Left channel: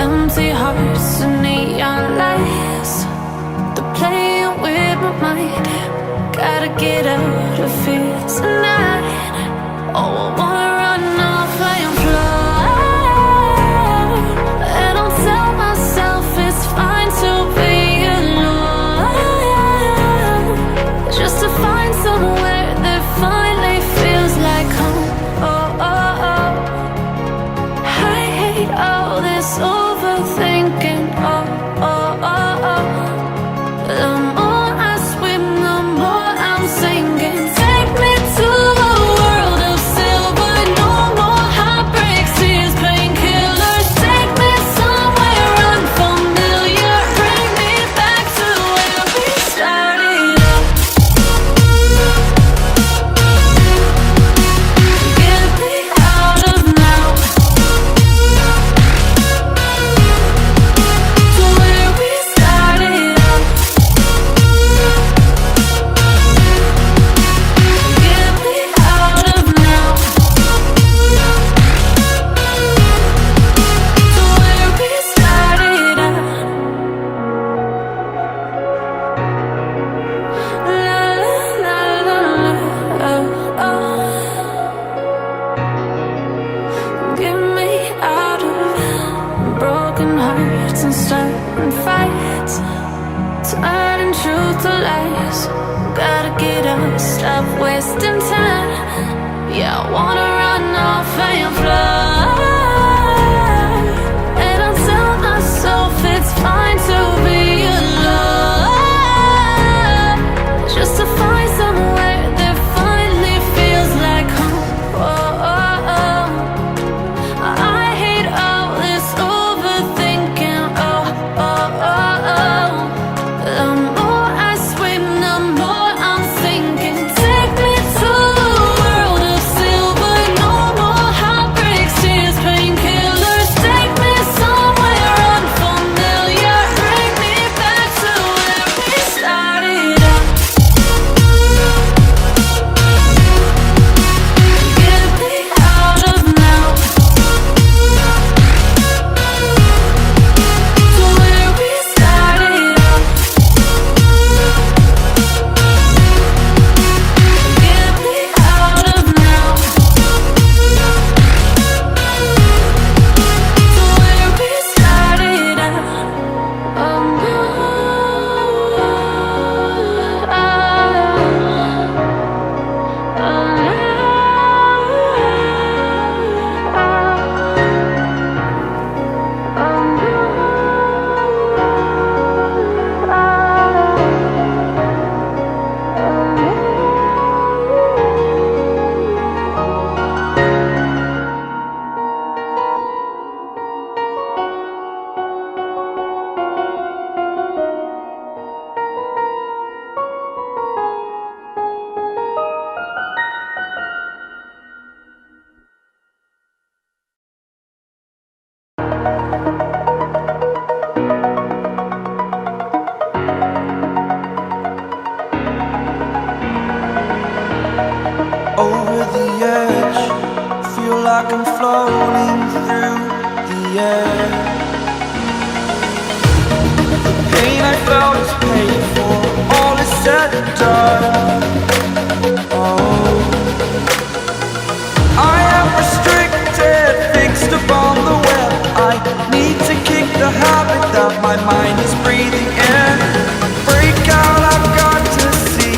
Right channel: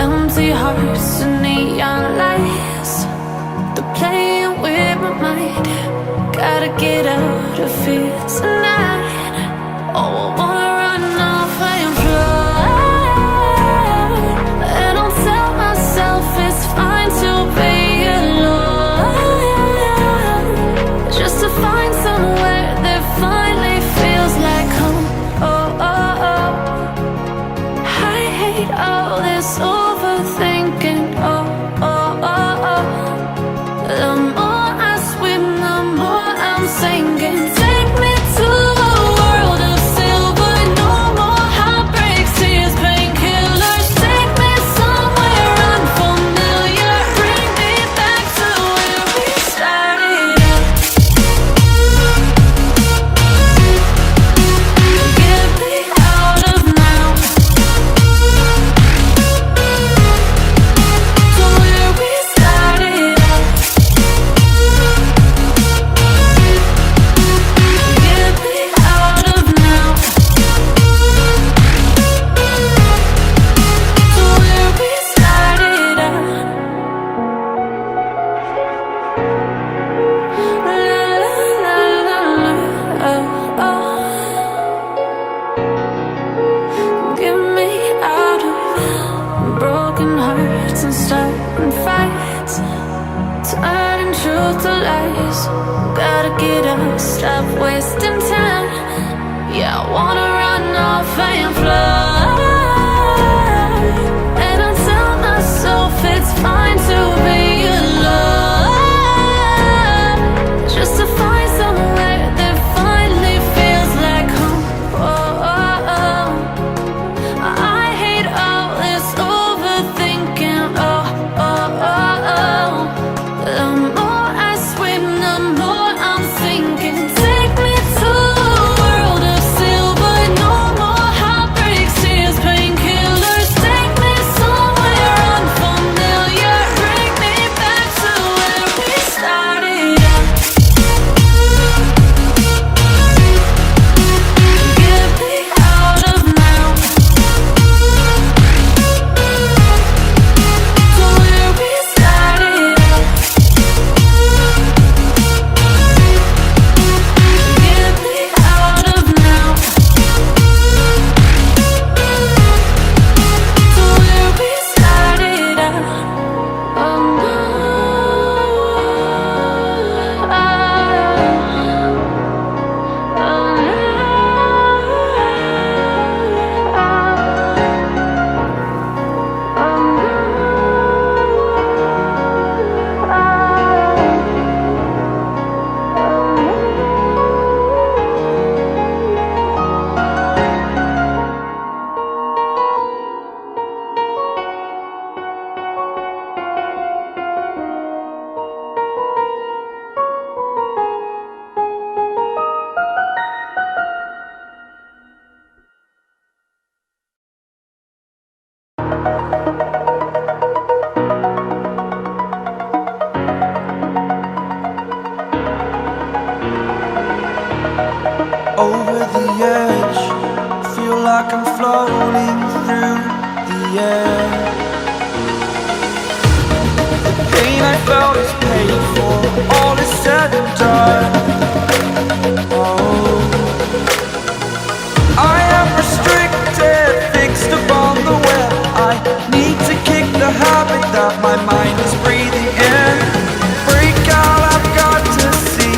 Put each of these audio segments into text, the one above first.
Empty hearts and neon lights, they're playing with my mind. Gotta get out of here tonight. Oh, I wanna run off and fly. And I'll tell myself it's fine to be alone, just to find somewhere that finally feels like home. Oh, oh, oh. I hate all this overthinking. Oh, oh, oh, oh. The more I swim, the more I'm sinking. Take me to a world of silver. No more heartbreaks, tears, painkillers. Take me somewhere unfamiliar. Bring me back to where we started out. Get me out of now, to where we started out. Get me out of now, to where we started out. La la la la la, oh, oh. Get me out of broken hearts and starting fights, turning truth to lies. Gotta get up, stop wasting time. Yeah, I wanna run off and fly. And I'll tell myself it's fine to be alone, just to find somewhere that finally feels like home. Oh, oh, oh. I hate all this overthinking. Oh, oh, oh, oh. The more I swim, the more I'm sinking. Take me to a world of silver. No more heartbreaks, tears, painkillers. Take me somewhere unfamiliar. Bring me back to where we started out. Get me out of now, to where we started out. Get me out of now, to where we started out. Oh no, oh, over the edge, feel like I'm floating through the air. The pain I felt is paid for, all is said and done. Oh, I am restricted, fixed upon the web. I need to kick the habit that my mind is breathing in. Break out, I've got to see.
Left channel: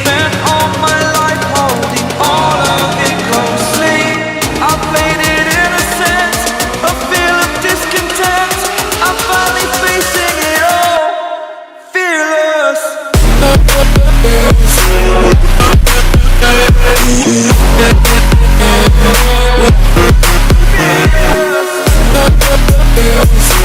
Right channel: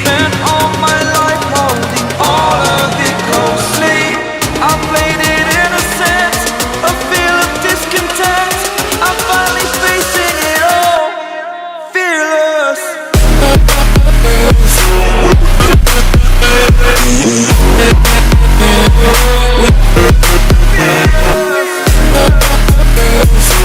Spent all my life holding all of it closely. I played it innocent, a feel of discontent. I'm finally facing it all, fearless. Fearless.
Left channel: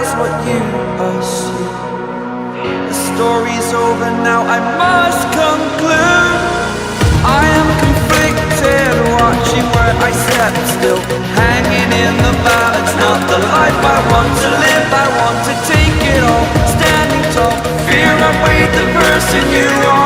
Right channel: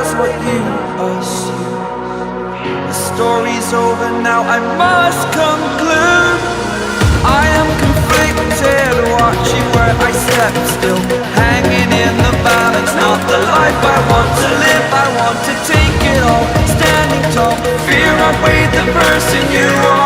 that's what you assume. The story's over now, I must conclude. I am conflicted, watching where I step still, hanging in the balance. Not the life I want to live, I want to take it all. Standing tall, fear I weighed the person you are.